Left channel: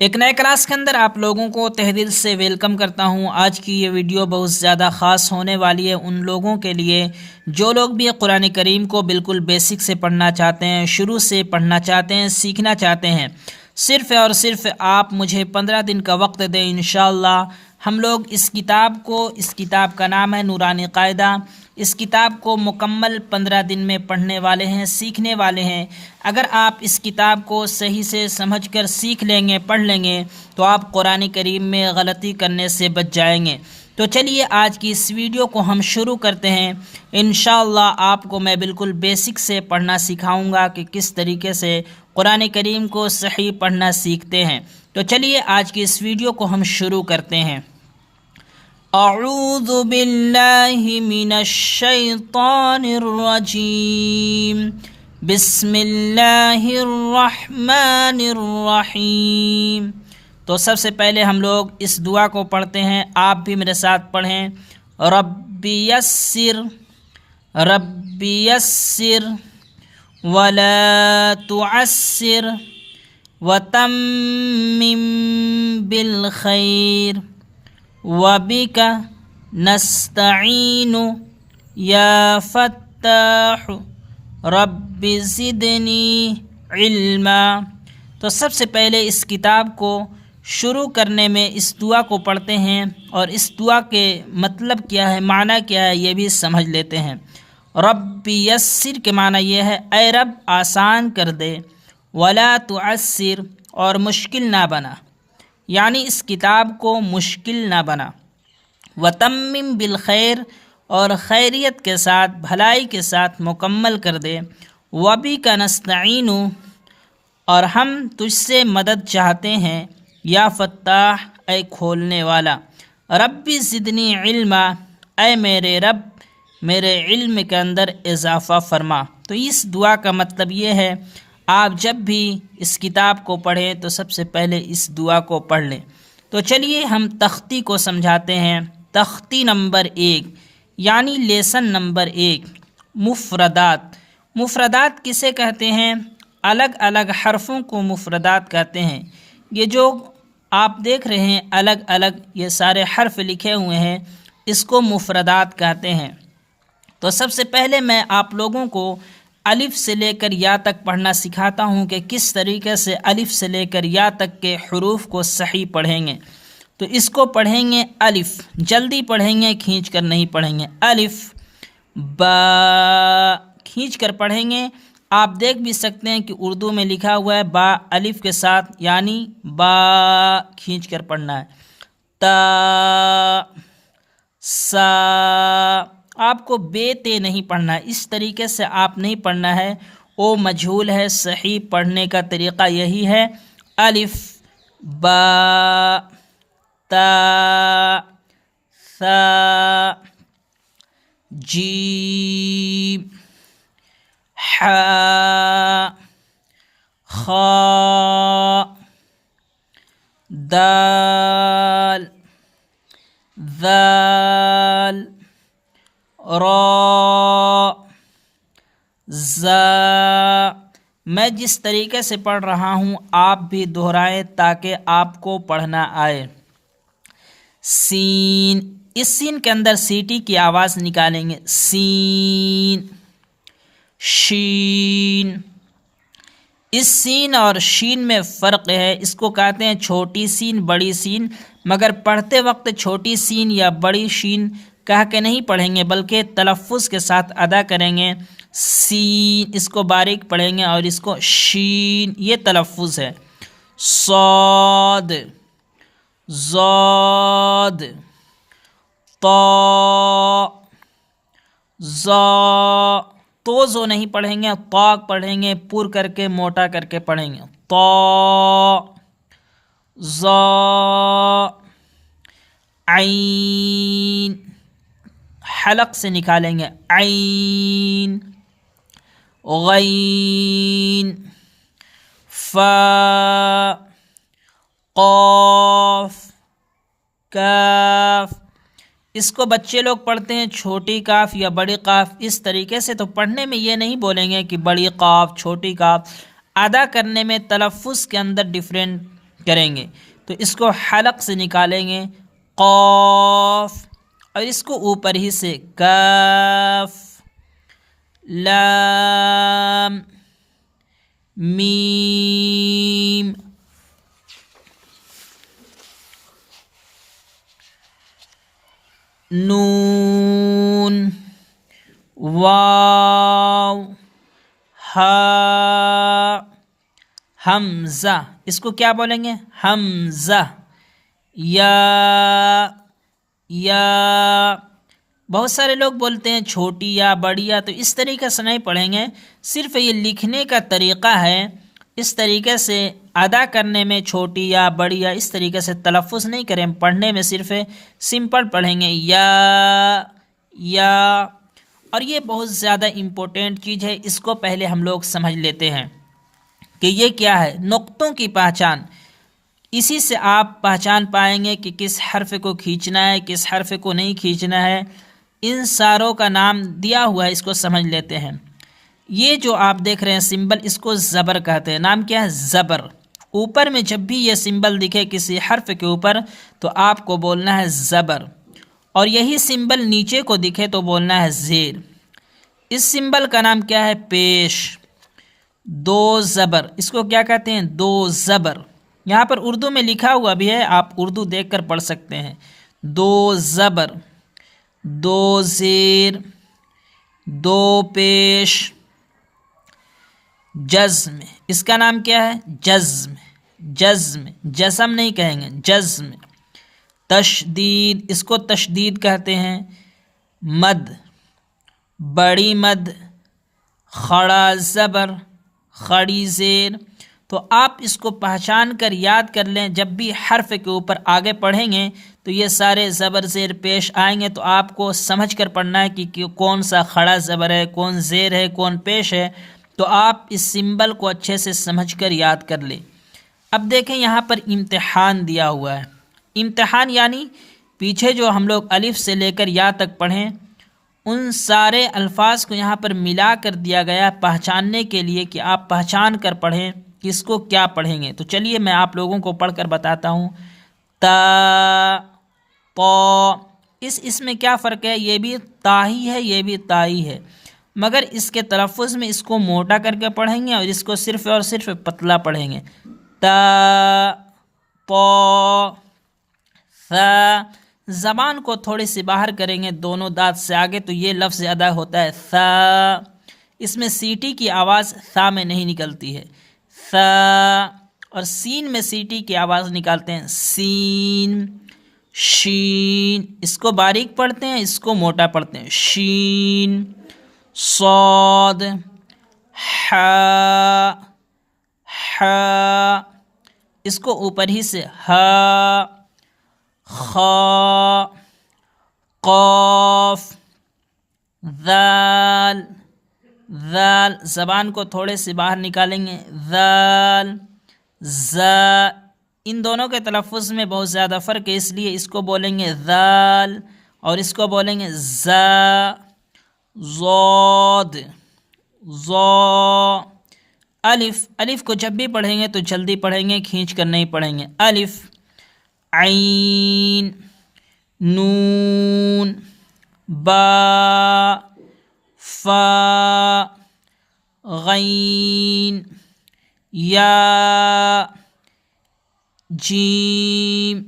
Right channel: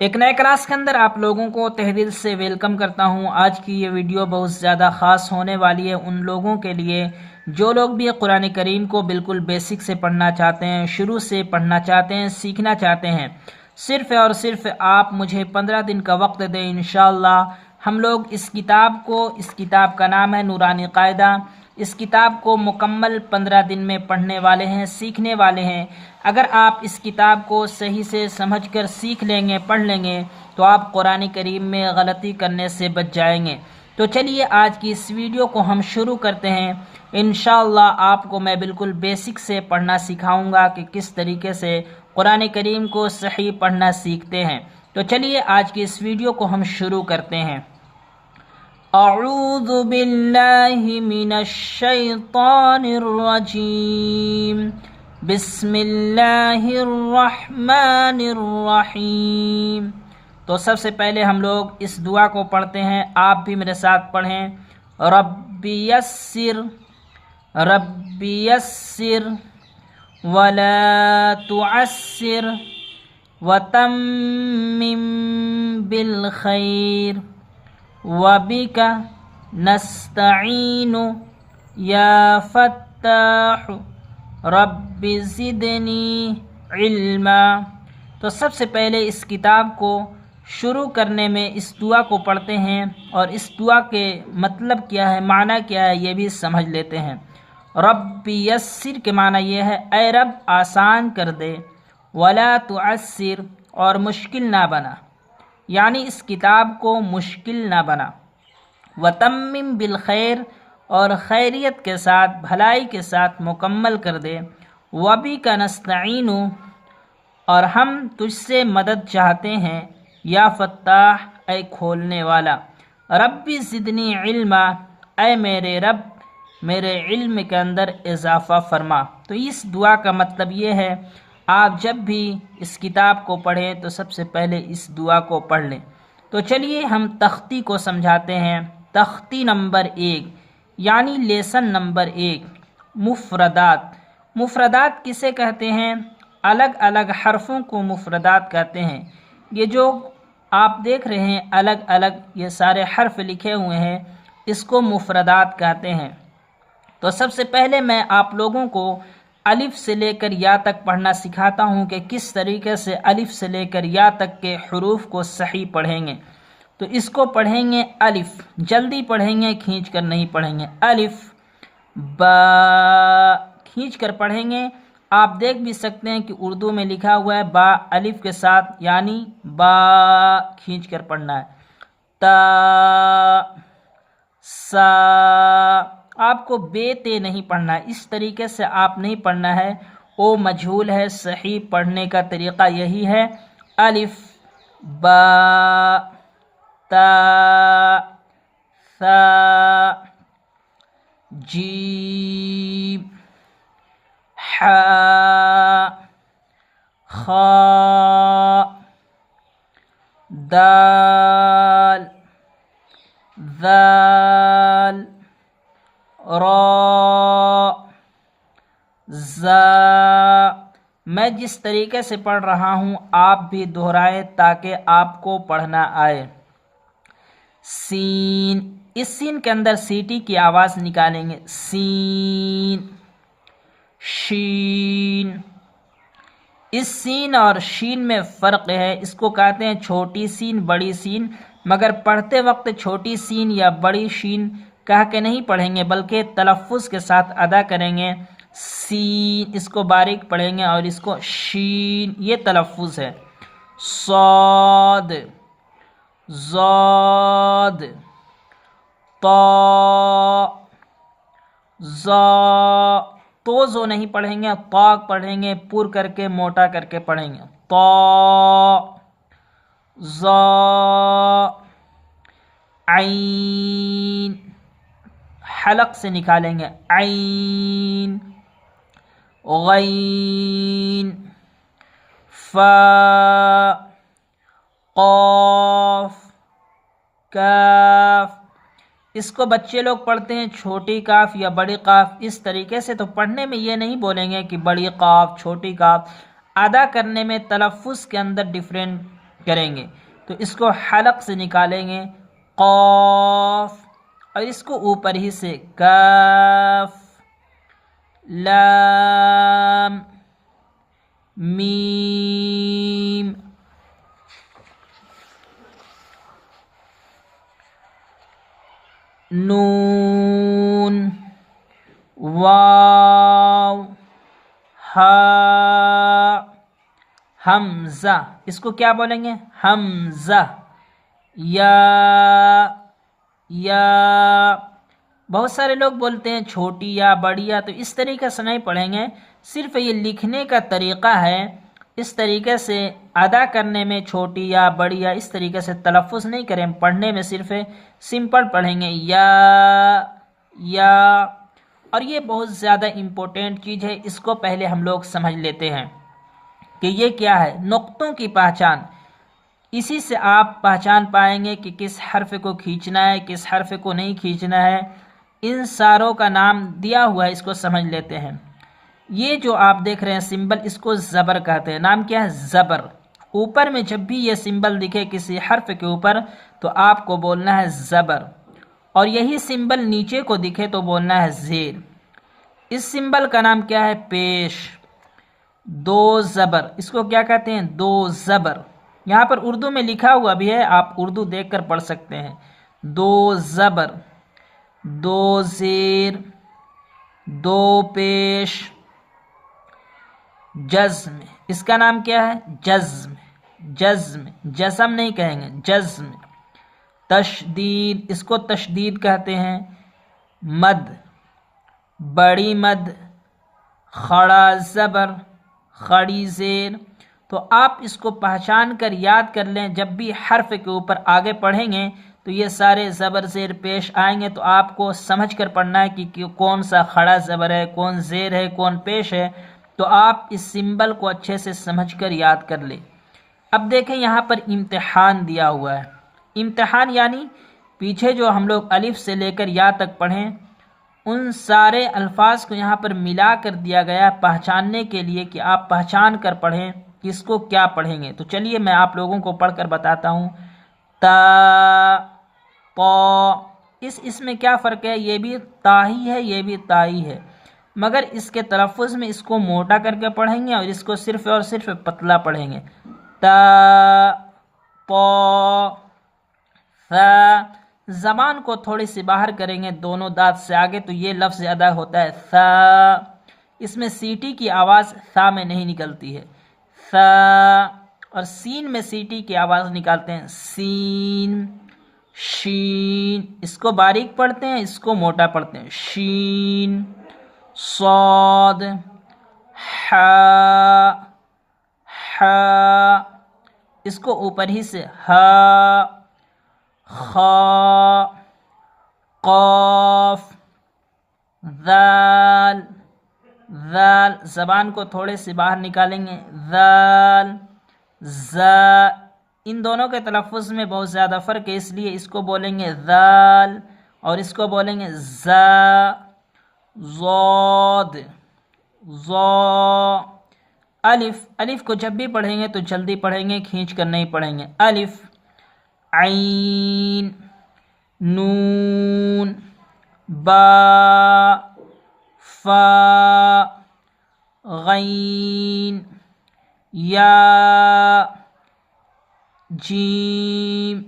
ایک نئے کلاس کے اندر آپ لوگوں کو تہ دل سے ویلکم کرتا ہوں۔ آج کی یہ ویڈیو بہت زیادہ خاص ہونے والی ہے ان لوگوں کے لیے جو لوگ بھی قرآن کریم کو بالکل بیسک سے پڑھنا چاہتے ہیں، شروع سے پڑھنا چاہتے ہیں، سیکھنا چاہتے ہیں۔ صرف اور صرف آپ مجھے 15 دن کا وقت دیں، انشاءاللہ ہم لوگ اس کتاب کا نام ہے نورانی قاعدہ۔ اس کتاب کو مکمل 15 دن میں پڑھنے والے ہیں، سیکھنے والے ہیں۔ اگر آپ اس کتاب کو صحیح سے سمجھ کر سیکھ لیں گے، پڑھ لیں گے تو آپ قرآن کریم میں غلطی کرنے سے بچ جائیں گے۔ تو چلیے آج کی اس ویڈیو کو ہم شروع کرتے ہیں۔ انشاءاللہ آپ کو میں بالکل بیسک سے پڑھنا سکھاؤں گا کہ کس طریقے سے قرآن کریم کو صحیح پڑھنا سیکھتے ہیں۔ تو چلیے آج کی اس ویڈیو کو ہم شروع کرتے ہیں۔ اعوذ باللہ من الشیطان الرجیم، بسم اللہ الرحمن الرحیم۔ تو سب سے پہلے ہم لوگ اس دعا کو پڑھتے ہیں، آپ بھی میرے ساتھ پڑھیں۔ رب یسر رب یسر ولا تعسر وتمم بالخیر وبک نستعین یا فتاح رب زدنی علما۔ تو سب سے پہلے اس کتاب کو شروع کرنے میں اس دعا کو پڑھتے ہیں اور اس دعا کے مطلب کیا ہے، معنی کیا ہے، یہ بھی سمجھ لیتے ہیں۔ رب یسر کے معنی یہ ہے اے رب آسان کر دے، ولا تعسر اور مشکل نہ بنا، یعنی اس کتاب کو مشکل نہ بنا۔ وتمم بالخیر اور خیریت کے ساتھ، بھلائی کے ساتھ مکمل کر دے۔ وبک نستعین اور ہم تجھ سے مدد چاہتے ہیں، یا فتاح اے کھولنے والا۔ رب زدنی علما اے میرے رب میرے علم کے اندر اضافہ فرما۔ تو اس دعا کا مطلب یہ ہے آپ جب بھی اس کتاب کو پڑھیں تو سب سے پہلے اس دعا کو پڑھ لیں۔ تو چلیے ہم تختی کو سمجھاتے ہیں۔ تختی نمبر 1 یعنی لیسن نمبر 1، مفردات۔ مفردات کسے کہتے ہیں؟ الگ الگ حرفوں کو مفردات کہتے ہیں۔ یہ جو آپ دیکھ رہے ہیں الگ الگ یہ سارے حرف لکھے ہوئے ہیں، اس کو مفردات کہتے ہیں۔ تو سب سے پہلے میں آپ لوگوں کو الف سے لے کر یا تک پڑھنا سکھاتا ہوں کہ کس طریقے سے الف سے لے کر یا تک کے حروف کو صحیح پڑھیں گے۔ تو اس کو پڑھیں گے الف، جلدی پڑھیں گے، کھینچ کر نہیں پڑھیں گے۔ الف با کھینچ کر پڑھیں گے۔ آپ دیکھ بھی سکتے ہیں کہ اردو میں لکھا ہوا ہے با الف کے ساتھ، یعنی با کھینچ کر پڑھنا ہے۔ تا سا آپ کو بے تے نہیں پڑھنا ہے، اس طریقے سے آپ نہیں پڑھنا ہے، او مجہول ہے۔ صحیح پڑھنے کا طریقہ یہی ہے، الف با تا ثا جیم حا خا دال ذال را زا۔ میں جس طریقے سے پڑھ رہا ہوں آپ بھی دہرائیں تاکہ آپ کو پڑھنا آئے۔ سین، اس سین کے اندر سیٹی کی آواز نکالیں گے، سین۔ شین، اس سین اور شین میں فرق ہے، اس کو کہتے ہیں چھوٹی سین بڑی سین، مگر پڑھتے وقت چھوٹی سین یا بڑی شین کہہ کے نہیں پڑھیں گے بلکہ تلفظ کے ساتھ ادا کریں گے۔ سین اس کو باریک پڑھیں گے اور اس کو شین یہ تلفظ ہے۔ صاد ضاد طا ظا، تو زو نہیں پڑھیں گے، طا پڑھیں گے، پر کر کے موٹا کر کے پڑھیں گے۔ طا ظا عین، حلق سے نکالیں گے، عین۔ غین فا قاف کاف، اس کو بچے لوگ پڑھتے ہیں چھوٹی کاف یا بڑی قاف اس طریقے سے، تو پڑھنے میں یہ نہیں بولیں گے کہ بڑی قاف چھوٹی قاف، ادا کرنے میں تلفظ کے اندر کریں گے تو اس کو حلق سے نکالیں گے قاف، اور اس کو اوپر ہی سے کاف، لام، میم، نون، واو، ہا، حمزہ، اس کو کیا بولیں گے؟ حمزہ، یا، بہت سارے لوگ بولتے ہیں چھوٹی یا بڑی یا، تو اس طریقے سے نہیں پڑھیں گے، صرف یہ لکھنے کا طریقہ ہے، اس طریقے سے ادا کرنے میں چھوٹی یا بڑی یا اس طریقے سے تلفظ نہیں کریں، پڑھنے میں صرف سمپل پڑھیں گے یا، اور یہ بہت زیادہ امپورٹنٹ چیز ہے، اس کو پہلے ہم لوگ سمجھ لیتے ہیں کہ یہ کیا ہے، نقطوں کی پہچان، اسی سے آپ پہچان پائیں گے کہ کس حرف کو کھینچنا ہے، کس حرف کو نہیں کھینچنا ہے، ان ساروں کا نام دیا ہوا ہے، اس کو سمجھ لیتے ہیں۔ یہ جو آپ دیکھ رہے ہیں سمبل، اس کو زبر کہتے ہیں، نام کیا ہے؟ زبر۔ اوپر میں جب بھی یہ سمبل دکھے کسی حرف کے اوپر تو آپ کو بولنا ہے زبر، اور یہی سمبل نیچے کو دکھے تو بولنا ہے زیر۔ اس سمبل کا نام کیا ہے؟ پیش، دو زبر، اس کو کیا کہتے ہیں؟ دو زبر۔ یہاں پر اردو میں لکھا ہوا بھی ہے، آپ اردو دیکھ کر پڑھ سکتے ہیں، دو زبر، دو زیر، دو پیش، جزم، اس کا نام کیا ہے؟ جزم، جزم نہیں کہیں گے، جزم۔ تشدید، اس کو تشدید کہتے ہیں۔ مد، بڑی مد، خڑا زبر، خڑی زیر، تو آپ اس کو پہچان کر یاد کر لیں، جب بھی حرف کے اوپر آگے پڑھیں گے تو یہ سارے زبر زیر پیش آئیں گے، تو آپ کو سمجھ کر پڑھنا ہے کہ کون سا کھڑا زبر ہے، کون زیر ہے، کون پیش ہے، تو آپ اس سمبل کو اچھے سے سمجھ کر یاد کر لیں۔ اب دیکھیں یہاں پر امتحان دیا ہوا ہے، امتحان یعنی پیچھے جو ہم لوگ الف سے لے کر یا تک پڑھیں، ان سارے الفاظ کو یہاں پر ملا کر دیا گیا پہچاننے کے لیے کہ آپ پہچان کر پڑھیں کہ اس کو کیا پڑھیں گے۔ تو چلیے میں آپ لوگوں کو پڑھ کر بتاتا ہوں۔ تا، طا، اس میں کیا فرق ہے؟ یہ بھی تا ہی ہے، یہ بھی تا ہی ہے، مگر اس کے تلفظ میں اس کو موٹا کر کے پڑھیں گے اور اس کو صرف اور صرف پتلا پڑھیں گے۔ تا، طا، ثا، زبان کو تھوڑی سی باہر کریں گے دونوں دانت سے آگے تو یہ لفظ ادا ہوتا ہے ثا، اس میں سیٹی کی آواز ثا میں نہیں نکلتی ہے، ثا، اور سین میں سیٹی کی آواز نکالتے ہیں سین، شین، اس کو باریک پڑھتے ہیں، اس کو موٹا پڑھتے ہیں، شین، صاد، حا، اس کو اوپر ہی سے ہا، خا، قاف، ذال، زبان کو تھوڑے سے باہر نکالیں گے، ذال، زا، ان دونوں کے تلفظ میں بہت زیادہ فرق ہے، اس لیے اس کو بولیں گے ذال اور اس کو بولیں گے زا، ضاد، ظا، الف کو جب بھی پڑھیں گے تو جلدی پڑھیں گے، کھینچ کر نہیں پڑھیں گے، الف، عین، نون، با، فا، غین، یا، جیم،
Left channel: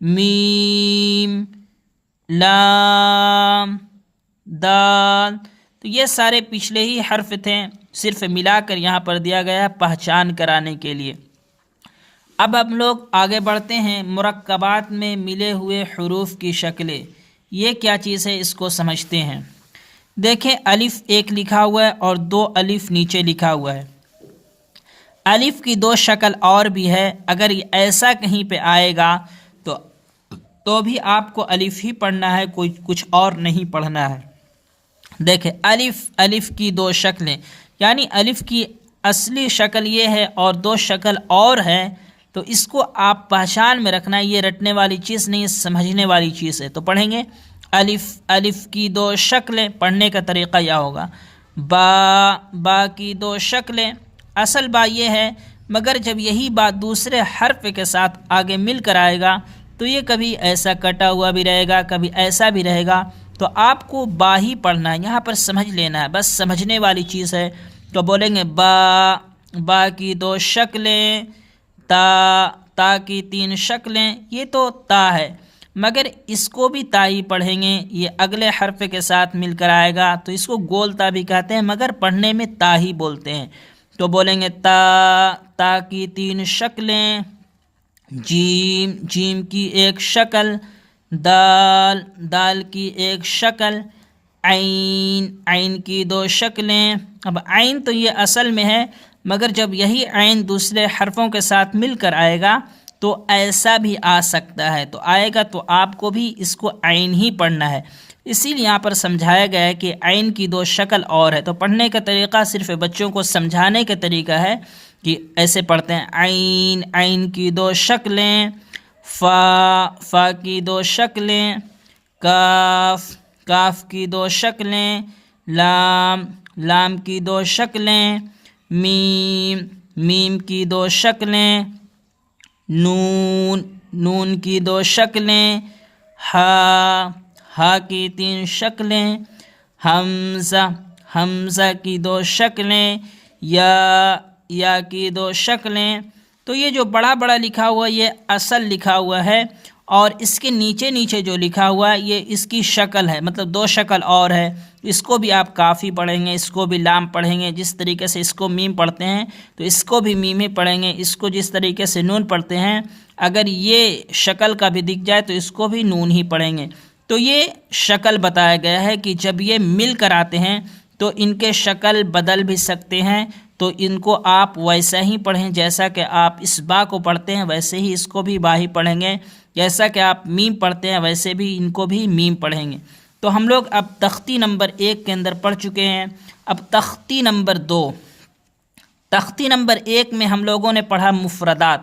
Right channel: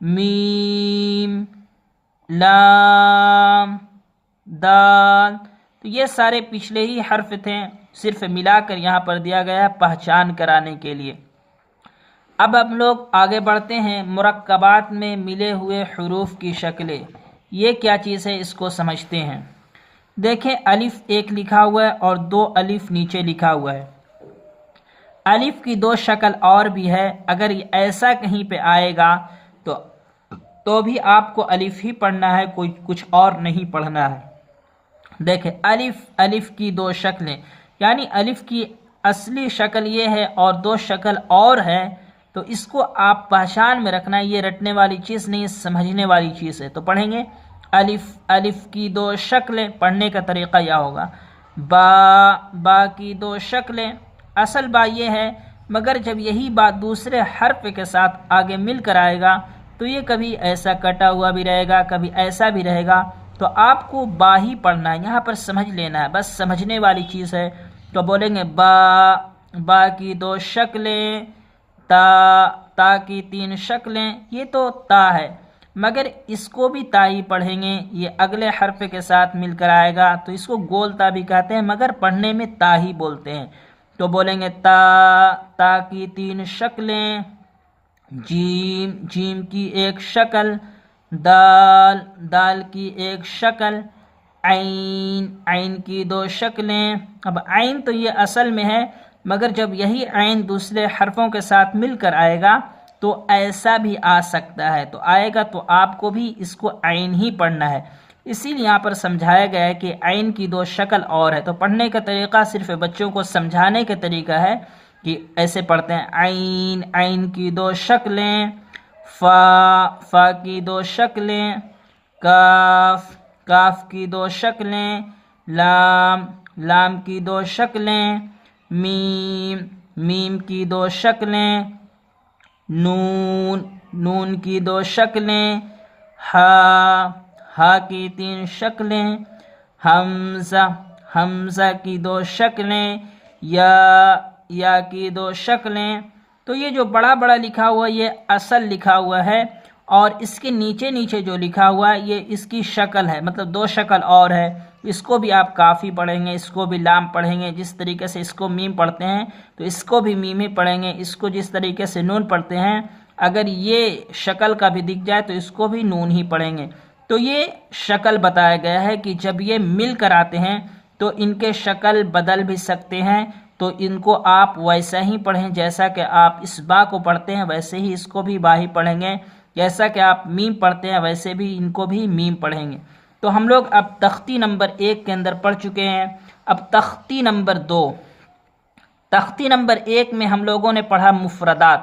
میم، لام، دال، تو یہ سارے پچھلے ہی حرف تھے، صرف ملا کر یہاں پر دیا گیا ہے پہچان کرانے کے لیے۔ اب ہم لوگ آگے بڑھتے ہیں، مرکبات میں ملے ہوئے حروف کی شکلیں، یہ کیا چیز ہے اس کو سمجھتے ہیں۔ دیکھیں الف ایک لکھا ہوا ہے اور دو الف نیچے لکھا ہوا ہے، الف کی دو شکل اور بھی ہے، اگر ایسا کہیں پہ آئے گا تو بھی آپ کو الف ہی پڑھنا ہے، کوئی کچھ اور نہیں پڑھنا ہے۔ دیکھیں الف کی دو شکلیں، یعنی الف کی اصلی شکل یہ ہے اور دو شکل اور ہے، تو اس کو آپ پہچان میں رکھنا ہے، یہ رٹنے والی چیز نہیں، سمجھنے والی چیز ہے۔ تو پڑھیں گے الف کی دو شکلیں، پڑھنے کا طریقہ یہ ہوگا، با کی دو شکلیں، اصل با یہ ہے مگر جب یہی بات دوسرے حرف کے ساتھ آگے مل کر آئے گا تو یہ کبھی ایسا کٹا ہوا بھی رہے گا، کبھی ایسا بھی رہے گا، تو آپ کو با ہی پڑھنا ہے، یہاں پر سمجھ لینا ہے، بس سمجھنے والی چیز ہے۔ تو بولیں گے با، با کی 2 شکلیں، تا کی 3 شکلیں، یہ تو تا ہے، مگر اس کو بھی تا ہی پڑھیں گے، یہ اگلے حرف کے ساتھ مل کر آئے گا تو اس کو گول تا بھی کہتے ہیں، مگر پڑھنے میں تا ہی بولتے ہیں۔ تو بولیں گے تا کی 3 شکلیں، جیم کی 1 شکل، دال کی 1 شکل، عین کی 2 شکلیں۔ اب عین تو یہ اصل میں ہے، مگر جب یہی عین دوسرے حرفوں کے ساتھ مل کر آئے گا تو ایسا بھی آ سکتا ہے، تو آئے گا تو آپ کو بھی اس کو عین ہی پڑھنا ہے۔ اسی لیے یہاں پر سمجھایا گیا ہے کہ عین کی 2 شکل اور ہے، تو پڑھنے کا طریقہ صرف بچوں کو سمجھانے کا طریقہ ہے کہ ایسے پڑھتے ہیں، عین کی 2 شکلیں، فا کی 2 شکلیں، کاف کی 2 شکلیں، لام کی 2 شکلیں، میم کی 2 شکلیں، نون کی 2 شکلیں، ہا کی 3 شکلیں، حمزہ کی 2 شکلیں، یا کی 2 شکلیں۔ تو یہ جو بڑا بڑا لکھا ہوا یہ اصل لکھا ہوا ہے، اور اس کے نیچے جو لکھا ہوا ہے یہ اس کی شکل ہے، مطلب 2 شکل اور ہے، اس کو بھی آپ کافی پڑھیں گے، اس کو بھی لام پڑھیں گے، جس طریقے سے اس کو میم پڑھتے ہیں تو اس کو بھی میم ہی پڑھیں گے، اس کو جس طریقے سے نون پڑھتے ہیں اگر یہ شکل کا بھی دکھ جائے تو اس کو بھی نون ہی پڑھیں گے۔ تو یہ شکل بتایا گیا ہے کہ جب یہ مل کر آتے ہیں تو ان کے شکل بدل بھی سکتے ہیں، تو ان کو آپ ویسا ہی پڑھیں جیسا کہ آپ اس با کو پڑھتے ہیں، ویسے ہی اس کو بھی با ہی پڑھیں گے، جیسا کہ آپ میم پڑھتے ہیں ویسے بھی ان کو بھی میم پڑھیں گے۔ تو ہم لوگ اب تختی نمبر 1 کے اندر پڑھ چکے ہیں، اب تختی نمبر 2۔ تختی نمبر 1 میں ہم لوگوں نے پڑھا مفردات،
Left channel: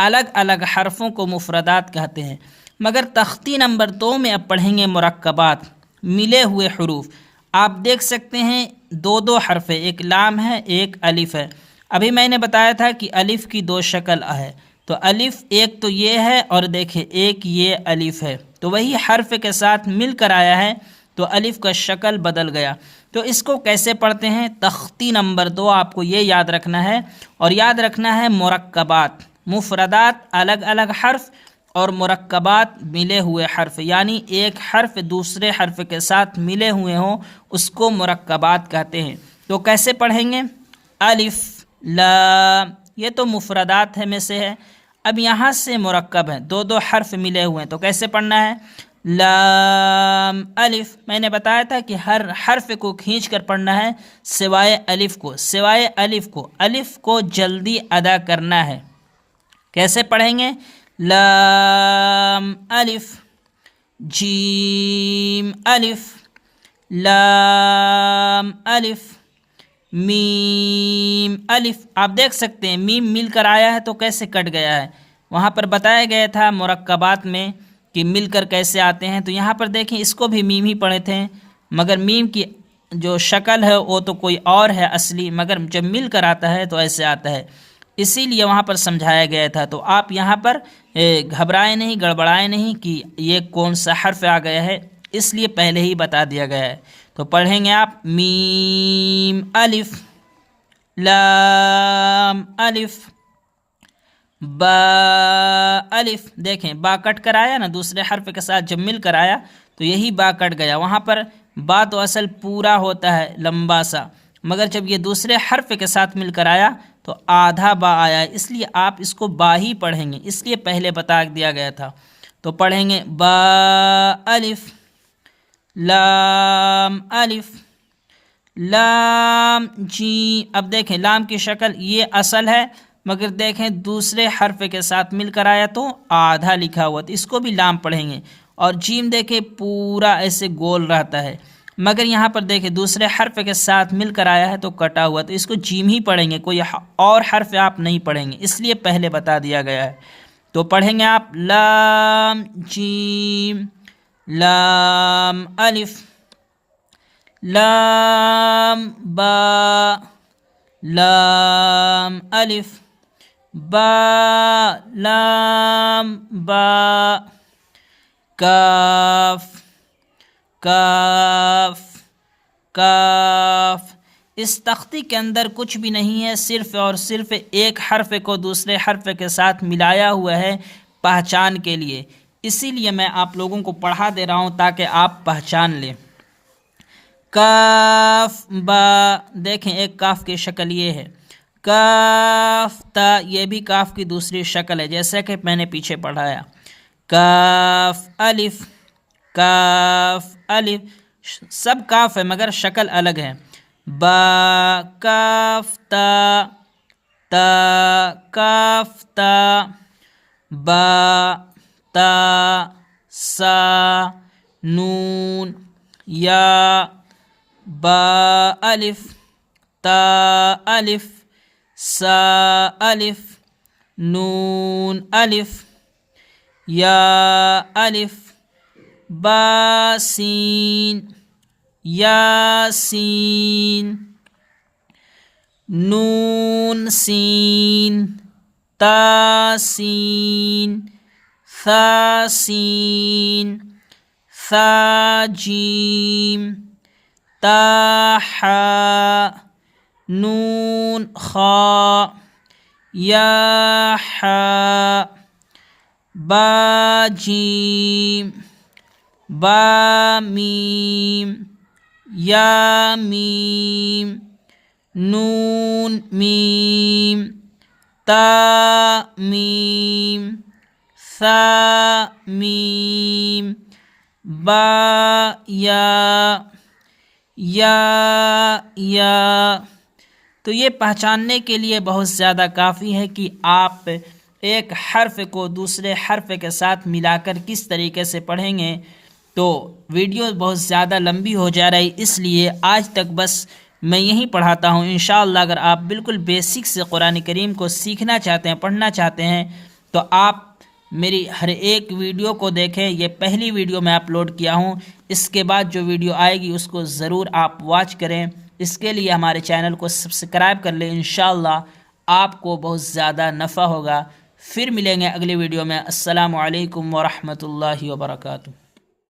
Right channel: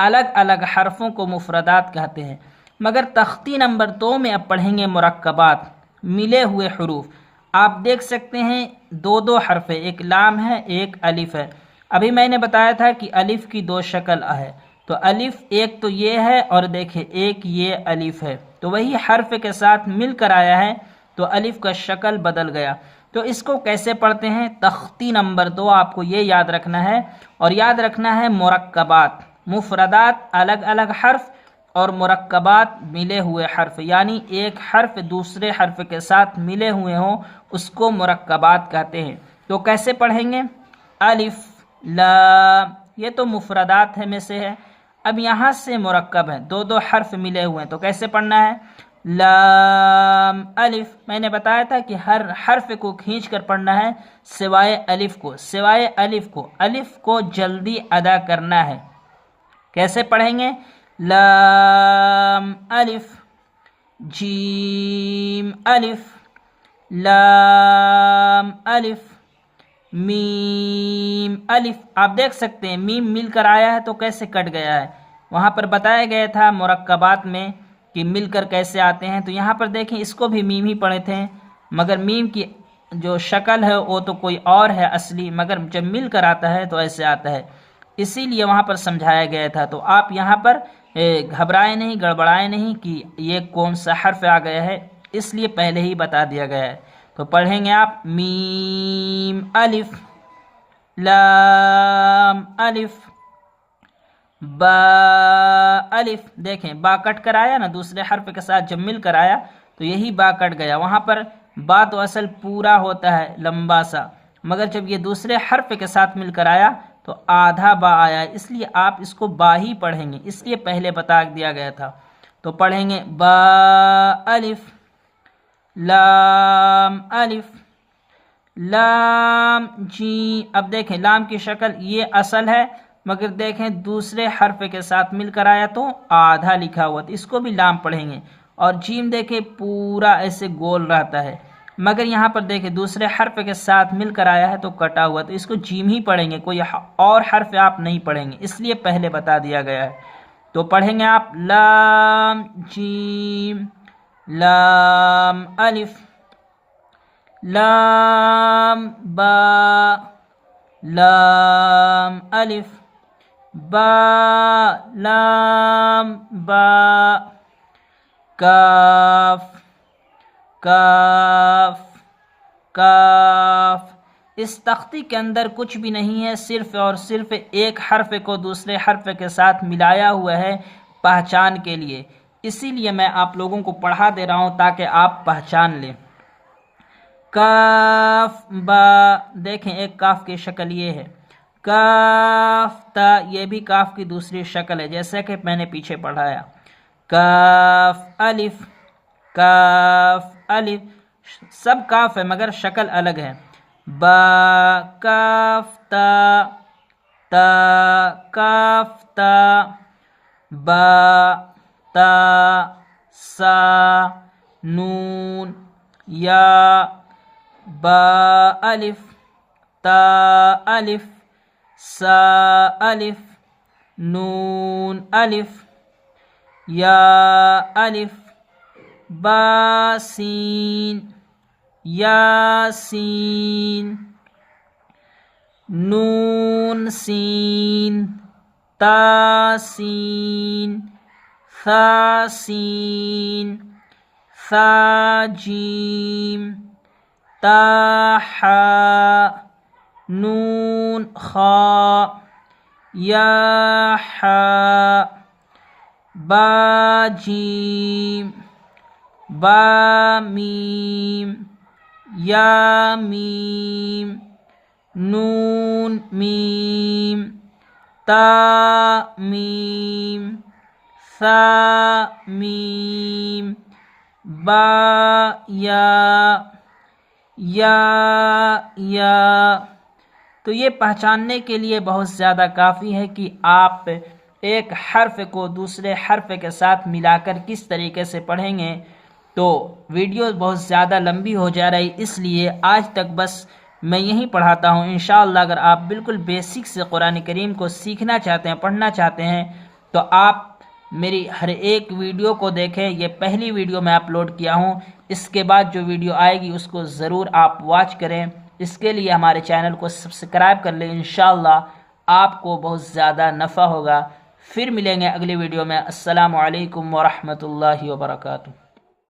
الگ الگ حرفوں کو مفردات کہتے ہیں، مگر تختی نمبر 2 میں اب پڑھیں گے مرکبات، ملے ہوئے حروف۔ آپ دیکھ سکتے ہیں 2 حرف ہے، ایک لام ہے ایک الف ہے۔ ابھی میں نے بتایا تھا کہ الف کی 2 شکل ہے، تو الف ایک تو یہ ہے اور دیکھیں ایک یہ الف ہے، تو وہی حرف کے ساتھ مل کر آیا ہے تو الف کا شکل بدل گیا۔ تو اس کو کیسے پڑھتے ہیں؟ تختی نمبر 2 آپ کو یہ یاد رکھنا ہے، اور یاد رکھنا ہے مرکبات، مفردات الگ الگ حرف اور مرکبات ملے ہوئے حرف، یعنی ایک حرف دوسرے حرف کے ساتھ ملے ہوئے ہوں اس کو مرکبات کہتے ہیں۔ تو کیسے پڑھیں گے؟ الف لام، یہ تو مفردات میں سے ہے، اب یہاں سے مرکب ہے، 2 حرف ملے ہوئے ہیں، تو کیسے پڑھنا ہے؟ لام الف، میں نے بتایا تھا کہ ہر حرف کو کھینچ کر پڑھنا ہے سوائے الف کو، سوائے الف کو جلدی ادا کرنا ہے۔ کیسے پڑھیں گے؟ لام الف، جیم الف، لام الف، میم الف۔ آپ دیکھ سکتے ہیں میم مل کر آیا ہے تو کیسے کٹ گیا ہے، وہاں پر بتایا گیا تھا مرکبات میں کہ مل کر کیسے آتے ہیں، تو یہاں پر دیکھیں اس کو بھی میم ہی پڑھے تھے، مگر میم کی جو شکل ہے وہ تو کوئی اور ہے اصلی، مگر جب مل کر آتا ہے تو ایسے آتا ہے، اسی لیے وہاں پر سمجھایا گیا تھا۔ تو آپ یہاں پر گھبرائے نہیں، گڑبڑائے نہیں کہ یہ کون سا حرف آ گیا ہے، اس لیے پہلے ہی بتا دیا گیا ہے۔ تو پڑھیں گے آپ میم الف، لام الف، با الف، دیکھیں با کٹ کر آیا نا، دوسرے حرف کے ساتھ جب مل کر آیا تو یہی با کٹ گیا، وہاں پر با تو اصل پورا ہوتا ہے لمبا سا، مگر جب یہ دوسرے حرف کے ساتھ مل کر آیا تو آدھا با آیا، اس لیے آپ اس کو با ہی پڑھیں گے، اس لیے پہلے بتا دیا گیا تھا۔ تو پڑھیں گے با الف، لام الف، لام جی، اب دیکھیں لام کی شکل یہ اصل ہے، مگر دیکھیں دوسرے حرف کے ساتھ مل کر آیا تو آدھا لکھا ہوا، تو اس کو بھی لام پڑھیں گے، اور جیم دیکھیں پورا ایسے گول رہتا ہے، مگر یہاں پر دیکھیں دوسرے حرف کے ساتھ مل کر آیا ہے تو کٹا ہوا، تو اس کو جیم ہی پڑھیں گے، کوئی اور حرف آپ نہیں پڑھیں گے، اس لیے پہلے بتا دیا گیا ہے۔ تو پڑھیں گے آپ لام جیم، لام الف، لام با، لام الف، با لام با، کاف کاف کاف۔ اس تختی کے اندر کچھ بھی نہیں ہے، صرف اور صرف ایک حرف کو دوسرے حرف کے ساتھ ملایا ہوا ہے پہچان کے لیے، اسی لیے میں آپ لوگوں کو پڑھا دے رہا ہوں تاکہ آپ پہچان لیں۔ کاف با، دیکھیں ایک کاف کی شکل یہ ہے، کاف تا یہ بھی کاف کی دوسری شکل ہے جیسے کہ میں نے پیچھے پڑھایا، کاف الف، کاف الف، سب کاف ہے مگر شکل الگ ہے، با کاف تا، تا کاف تا، با تا سا نون یا، با الف تا الف سا الف نون الف یا الف، با سین یا سین، نون سین تا سین، ثا سین، ثا جیم، تا حا، نون خا یا حا، با جیم، با میم یا میم، نون میم، تا میم، ثا میم، با یا، یا۔ تو یہ پہچاننے کے لیے بہت زیادہ کافی ہے کہ آپ ایک حرف کو دوسرے حرف کے ساتھ ملا کر کس طریقے سے پڑھیں گے۔ تو ویڈیو بہت زیادہ لمبی ہو جا رہی، اس لیے آج تک بس میں یہیں پڑھاتا ہوں۔ انشاءاللہ اگر آپ بالکل بیسک سے قرآن کریم کو سیکھنا چاہتے ہیں، پڑھنا چاہتے ہیں، تو آپ میری ہر ایک ویڈیو کو دیکھیں۔ یہ پہلی ویڈیو میں اپلوڈ کیا ہوں، اس کے بعد جو ویڈیو آئے گی اس کو ضرور آپ واچ کریں۔ اس کے لیے ہمارے چینل کو سبسکرائب کر لیں، انشاءاللہ آپ کو بہت زیادہ نفع ہوگا۔ پھر ملیں گے اگلی ویڈیو میں۔ السلام علیکم ورحمۃ اللہ وبرکاتہ۔